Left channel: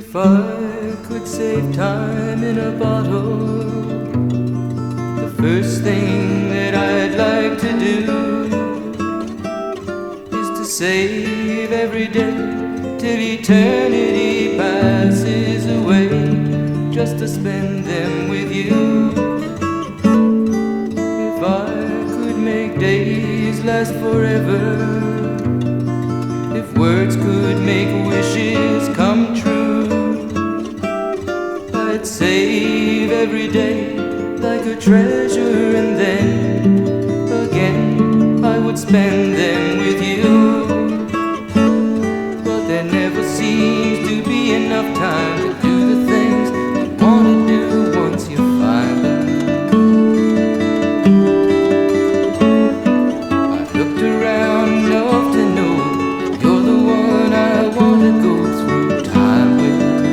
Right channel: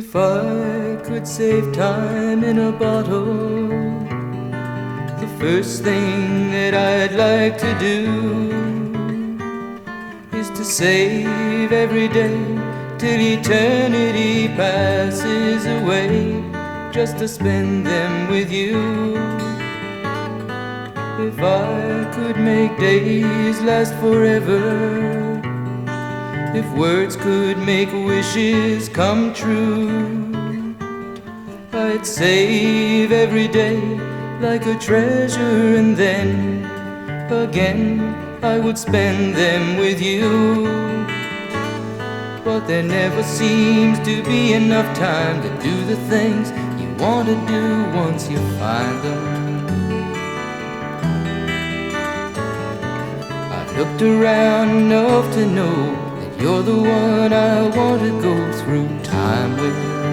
If I could save time in a bottle, the first thing that I'd like to do is to save every day till eternity passes away, just to spend them with you. If I could make days last forever, if words could make wishes come true, I'd save every day like a treasure, and then again I would spend them with you. But there never seems to be enough time to do the things you want to do once you find them. I've looked around enough to know you're the one I want to go through time with.